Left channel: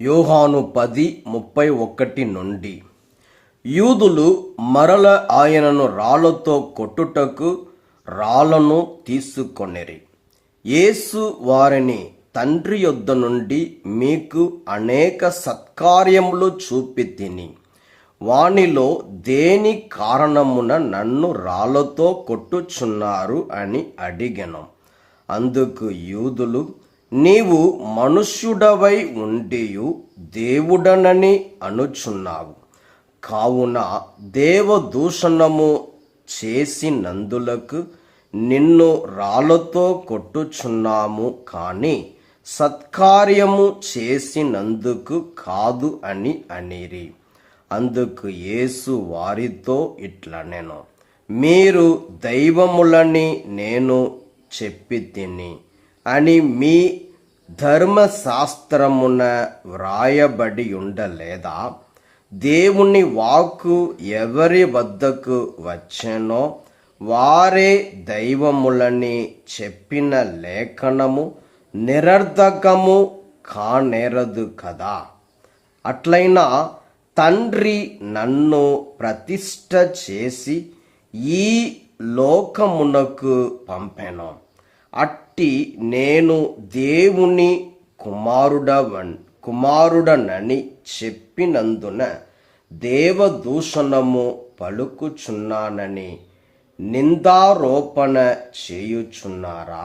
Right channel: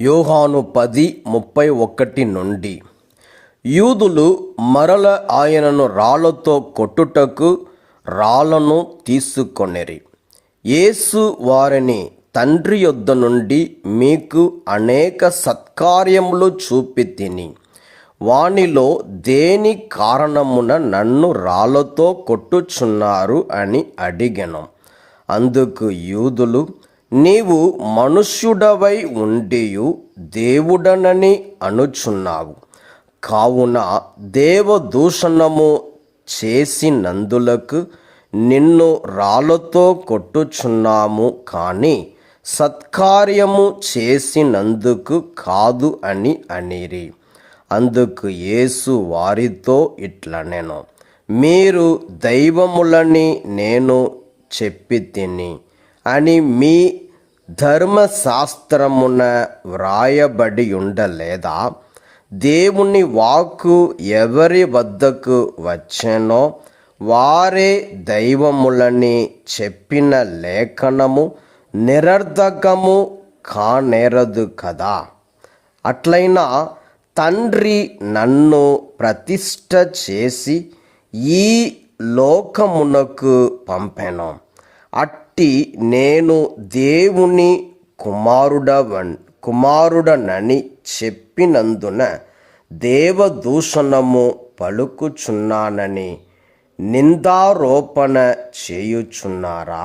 యోహాను 10:31 నుండి. యూదులు మరల ఆయనను రాళ్లతో కొట్టుటకు రాళ్లను తీసుకొనిరి. యేసు వారిని, తండ్రి యొద్ద నుండి మీకు అనేక సత్కార్యములు చూపితిని, వానిలో దేని కారణమున నన్ను రాళ్లతో కొట్టుచున్నారు అని అడిగెను. అందుకు యూదులు, నీవు మనుష్యుడవై ఉండియు దేవుడనని అనుచున్నావు, కావున దేవదూషణము చేసినందులకు నిన్ను రాళ్లతో కొట్టుచున్నాము, కానీ సత్కార్యము చేసినందుకు కాదు అని అనిరి. అందుకు యేసు వారితో ఇట్లనెను, మీరు దైవములని నేను చెప్పితిని అని మీ ధర్మశాస్త్రమున వ్రాయబడి ఉండలేదా? దేవుని వాక్కు ఎవరి వద్దకు వచ్చెనో వారే దైవములని చెప్పిన లేఖనము నిరర్ధకము కానేరదు కదా. అట్లయినా తండ్రి నన్ను ప్రతిష్ఠ చేసి ఈ లోకమునకు పంపెను. అట్టి నేను దేవుని కుమారుడనని చెప్పినందున దేవదూషణము పలుకుచున్నానని నిందారోపణ చేయుచున్నారా?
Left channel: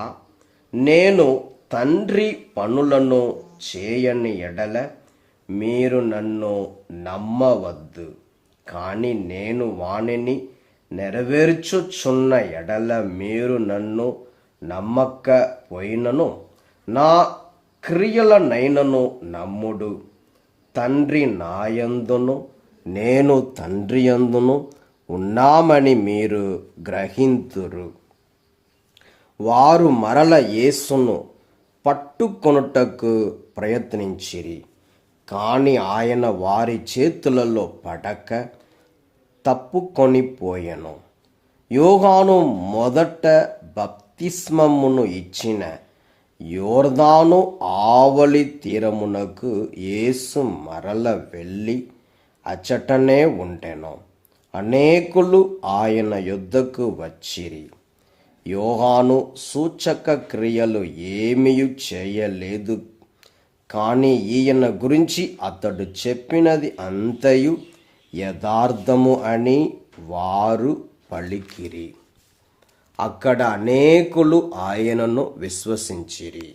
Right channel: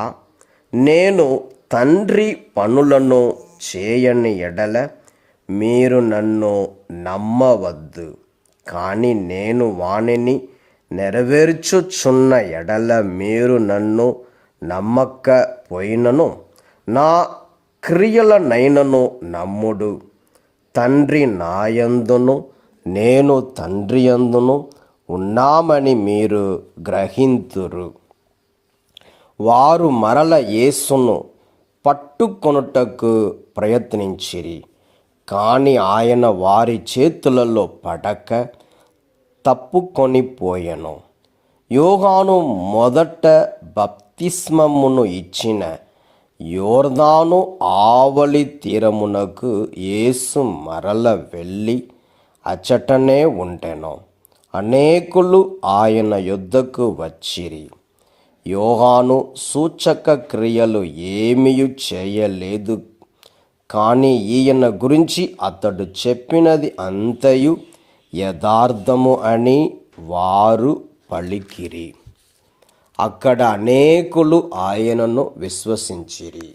నేను తండ్రి పనులను చేయని ఎడల మీరు నన్ను నమ్మవద్దు, కానీ నేను వానిని నెరవేర్చుచున్న ఎడల మీరు నన్ను నమ్మకపోయినను నా క్రియలనైనను నమ్ముడు. తండ్రి నాయందును నేను తండ్రి యందును ఉన్నామని మీరు గ్రహింతురు. వారు మరల యేసును పట్టుకొనుటకు ప్రయత్నించిరి, కానీ ఆయన వారి చేతులలో పడక తప్పుకొనిపోయెను. యోహాను మొదట బప్తిస్మమును ఇచ్చిన యోర్దాను ఆవలి తీరమునకు యేసు మరల వెళ్ళి అచటనే ఉండెను. అనేకులు ఆయన యొద్దకు వచ్చిరి. యోహాను సూచక క్రియలు ఏమీయు చేయలేదు, కానీ ఈయన గురించి అతడు చెప్పినది అంతయు యథార్థము అని వారు పలికిరి. అక్కడ అనేకులు ఆయనను విశ్వసించిరి.